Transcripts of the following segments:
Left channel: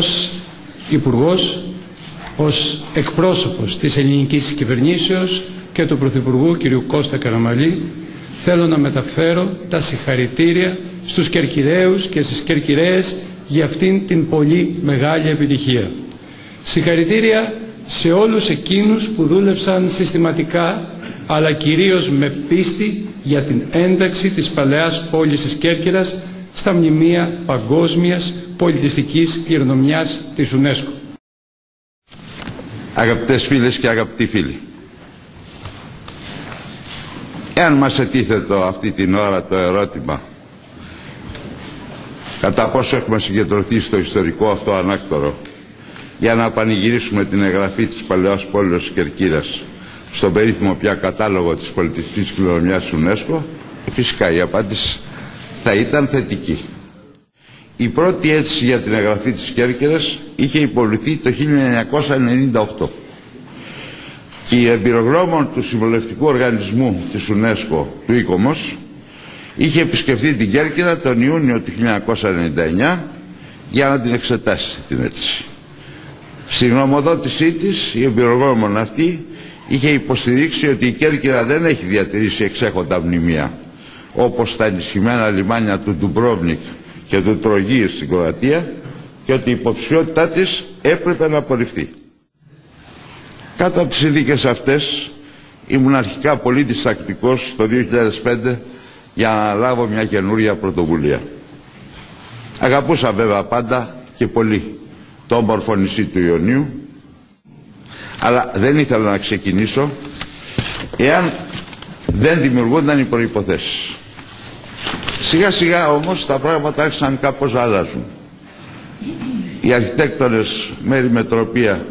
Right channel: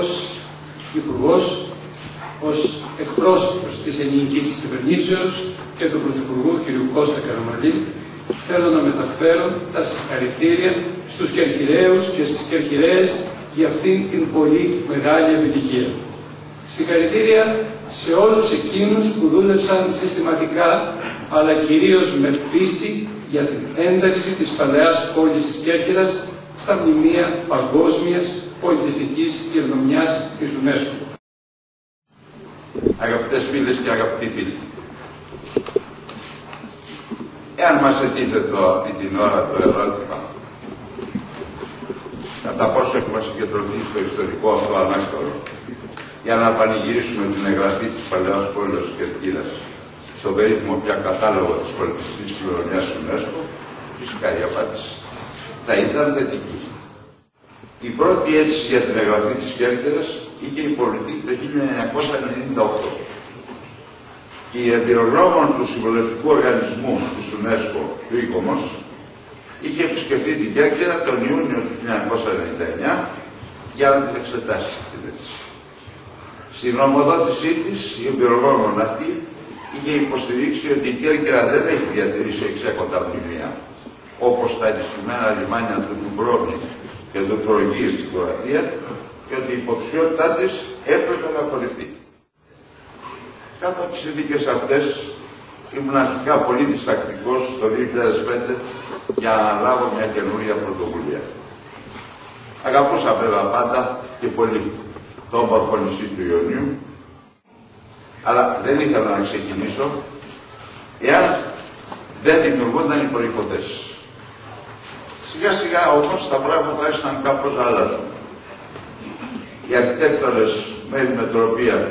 ως Υπουργός, ως εκπρόσωπος της ελληνικής κυβερνήσεως και του Πρωθυπουργού κ. Κώστα Καραμανλή, θέλω να μεταφέρω τα συγχαρητήρια στους Κερκυραίους και στις Κερκυραίες για αυτήν την πολύ μεγάλη επιτυχία. Συγχαρητήρια σε όλους εκείνους που δούλεψαν συστηματικά, αλλά κυρίως με πίστη για την ένταξη της παλαιάς πόλης της Κέρκυρας στα μνημεία παγκόσμιας πολιτιστικής κληρονομιάς της UNESCO. Αγαπητές φίλες και αγαπητοί φίλοι, εάν μας ετίθετο αυτή την ώρα το ερώτημα κατά πόσο έχουμε συγκεντρωθεί στο ιστορικό αυτό ανάκτορο για να πανηγυρίσουμε την εγγραφή της παλαιάς πόλης της Κερκύρας στον περίφημο πια κατάλογο της πολιτιστικής κληρονομιάς UNESCO, φυσικά η απάντηση θα ήταν θετική. Η πρώτη αίτηση για την εγγραφή της Κέρκυρας είχε υποβληθεί το 1998 και η εμπειρογνώμων του Συμβουλευτικού Οργανισμού της UNESCO, του ICOMOS, είχε επισκεφθεί την Κέρκυρα τον Ιούνιο του 1999 για να την εξετάσει την αίτηση. Στη γνωμοδότησή της, η εμπειρογνώμων αυτή είχε υποστηρίξει ότι η Κέρκυρα δεν έχει διατηρήσει εξέχοντα μνημεία, όπως τα ενισχυμένα λιμάνια του Ντουμπρόβνικ και του Τρογίου στην Κροατία, και ότι η υποψηφιότητά της έπρεπε να απορριφθεί. Κάτω από τις συνθήκες αυτές, ήμουν αρχικά πολύ διστακτικός το 2005 για να λάβω μια καινούρια πρωτοβουλία. Αγαπούσα βέβαια πάντα και πολύ το όμορφο νησί του Ιωνίου, αλλά δεν ήθελα να ξεκινήσω εάν δεν δημιουργούνταν οι προϋποθέσεις. Σιγά σιγά όμως τα πράγματα άρχισαν κάπως να αλλάζουν. Οι αρχιτέκτονες Μέρη Μετροπία,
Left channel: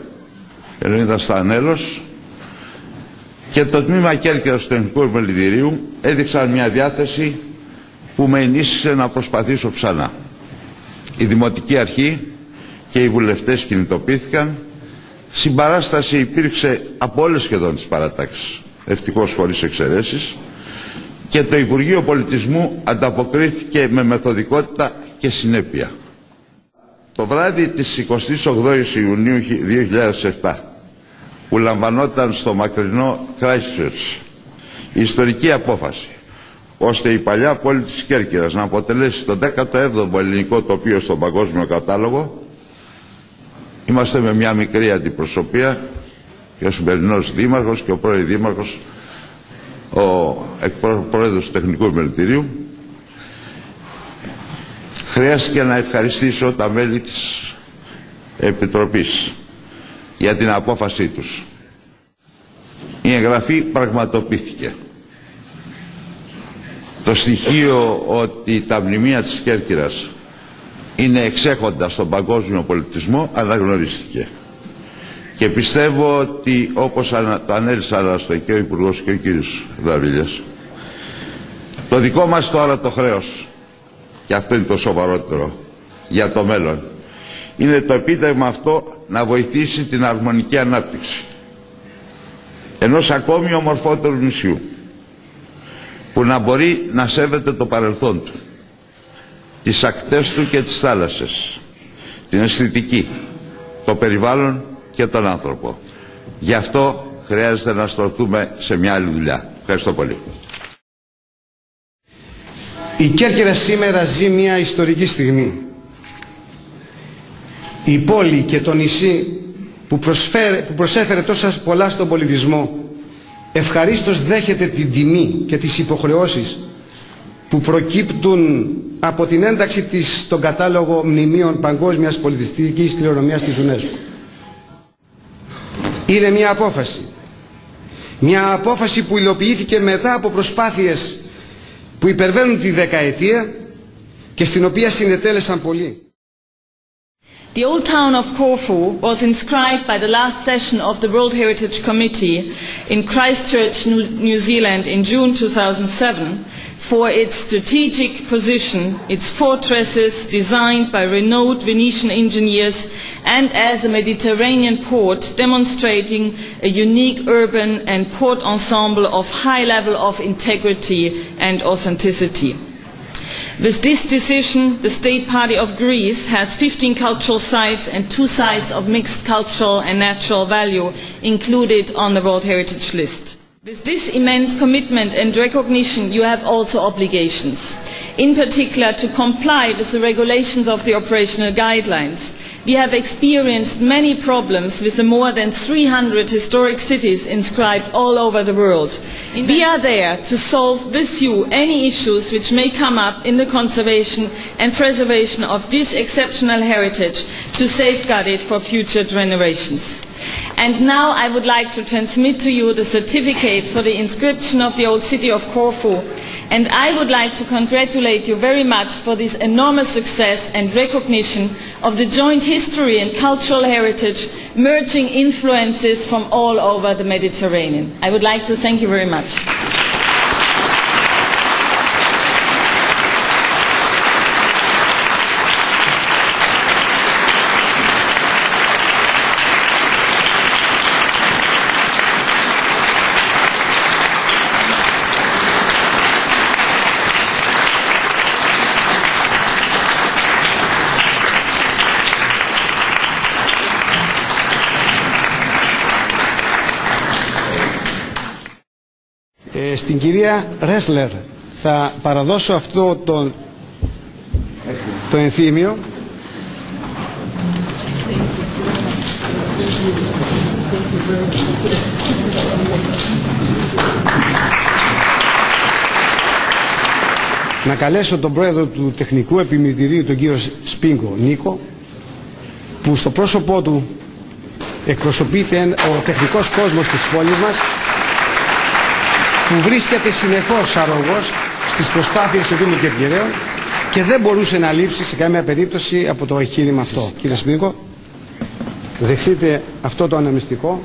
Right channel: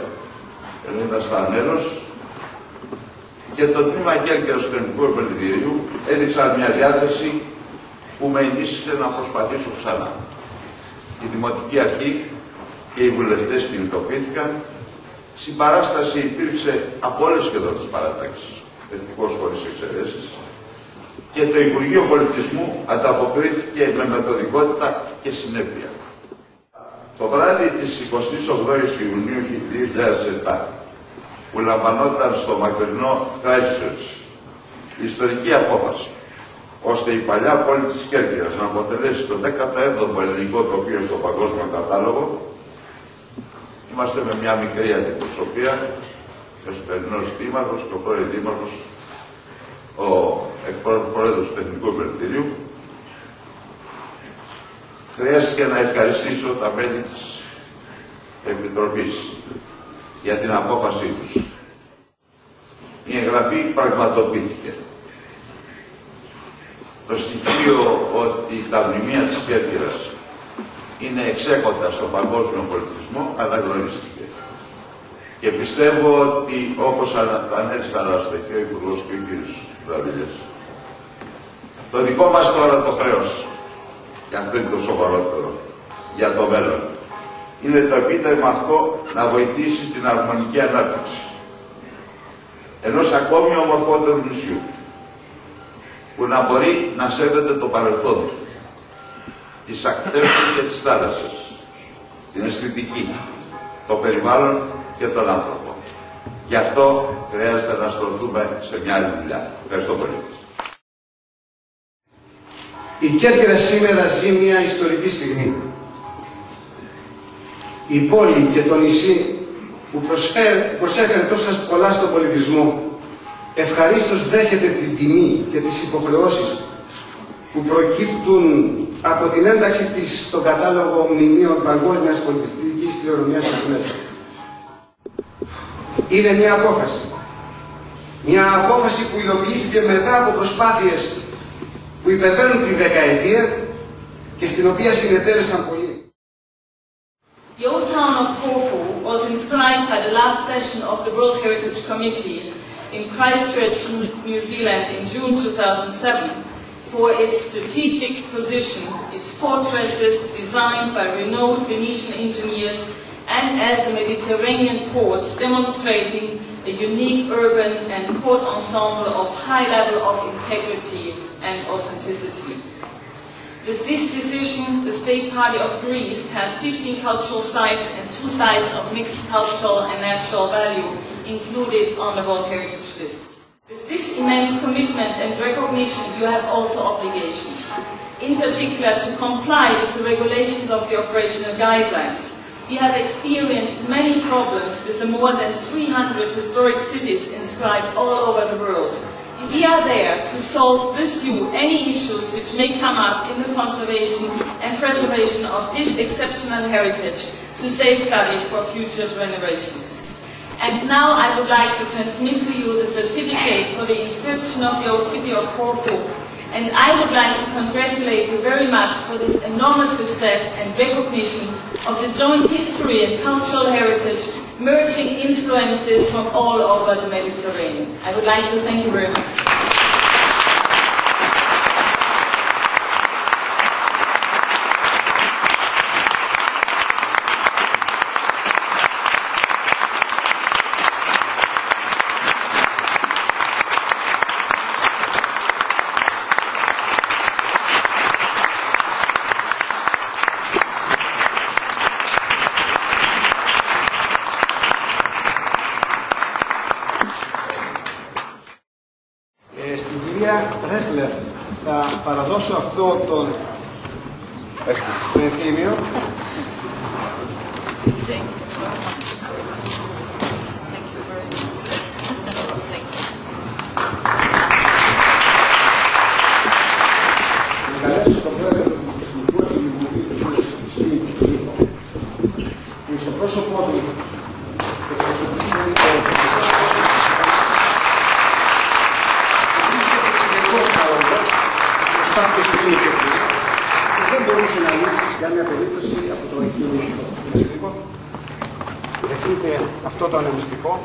Λεωνίδα Στανέλος και το τμήμα Κέρκυρας του Εθνικού Επιμελητηρίου έδειξαν μια διάθεση που με ενίσχυσε να προσπαθήσω ξανά. Η Δημοτική Αρχή και οι βουλευτές κινητοποιήθηκαν. Συμπαράσταση υπήρξε από όλες σχεδόν τις παρατάξεις, ευτυχώς χωρίς εξαιρέσεις, και το Υπουργείο Πολιτισμού ανταποκρίθηκε με μεθοδικότητα και συνέπεια. Το βράδυ της 28ης Ιουνίου 2007, που λαμβανόταν στο μακρινό Christchurch η ιστορική απόφαση ώστε η παλιά πόλη της Κέρκυρας να αποτελέσει το 17ο ελληνικό τοπίο στον παγκόσμιο κατάλογο, είμαστε με μια μικρή αντιπροσωπεία και ο σημερινός δήμαρχος και ο πρώην δήμαρχος, ο πρόεδρος του Τεχνικού Επιμελητηρίου. Χρειάστηκε να ευχαριστήσω τα μέλη της Επιτροπής για την απόφασή τους. Η εγγραφή πραγματοποιήθηκε. Το στοιχείο ότι τα μνημεία της Κέρκυρας είναι εξέχοντα στον παγκόσμιο πολιτισμό αναγνωρίστηκε. Και πιστεύω ότι, όπως το ανέλησαν και ο Υπουργός και ο κ. Δαβίλιας, το δικό μας τώρα το χρέος, και αυτό είναι το σοβαρότερο για το μέλλον, είναι το επίτευγμα αυτό να βοηθήσει την αρμονική ανάπτυξη ενός ακόμη ομορφότερου νησιού, που να μπορεί να σέβεται το παρελθόν του, τις ακτές του και τις θάλασσες, την αισθητική, το περιβάλλον και τον άνθρωπο. Γι' αυτό χρειάζεται να στρωθούμε σε μια άλλη δουλειά. Ευχαριστώ πολύ. Η Κέρκυρα σήμερα ζει μια ιστορική στιγμή. Η πόλη και το νησί που προσέφερε τόσα πολλά στον πολιτισμό ευχαρίστως δέχεται την τιμή και τις υποχρεώσεις που προκύπτουν από την ένταξη της στον κατάλογο μνημείων παγκόσμιας πολιτιστικής κληρονομιάς της UNESCO. Είναι μια απόφαση. Μια απόφαση που υλοποιήθηκε μετά από προσπάθειες που υπερβαίνουν τη δεκαετία και στην οποία συνετέλεσαν πολλοί. The old town of Corfu was inscribed by the last session of the World Heritage Committee in Christchurch, New Zealand in June 2007 for its strategic position, its fortresses designed by renowned Venetian engineers, and as a Mediterranean port demonstrating a unique urban and port ensemble of high level of integrity and authenticity. With this decision, the State Party of Greece has 15 cultural sites and 2 sites of mixed cultural and natural value included on the World Heritage List. With this immense commitment and recognition, you have also obligations, in particular to comply with the regulations of the operational guidelines. We have experienced many problems with the more than 300 historic cities inscribed all over the world. We are there to solve with you any issues which may come up in the conservation and preservation of this exceptional heritage to safeguard it for future generations. And now I would like to transmit to you the certificate for the inscription of the old city of Corfu. And I would like to congratulate you very much for this enormous success and recognition of the joint history and cultural heritage, merging influences from all over the Mediterranean. I would like to thank you very much. Στην κυρία Ρέσλερ θα παραδώσω αυτό το ενθύμιο. Να καλέσω τον πρόεδρο του Τεχνικού Επιμελητηρίου, τον κύριο Σπίγκο Νίκο, που στο πρόσωπό του εκπροσωπείται ο τεχνικός κόσμος της πόλης μας, που βρίσκεται συνεχώς αρρωγός στις προσπάθειες του Δήμου Κερκυραίων και δεν μπορούσε να λείψει σε καμία περίπτωση από το εγχείρημα αυτό. Κύριε Σπίγκο, δεχτείτε αυτό το ανεμιστικό.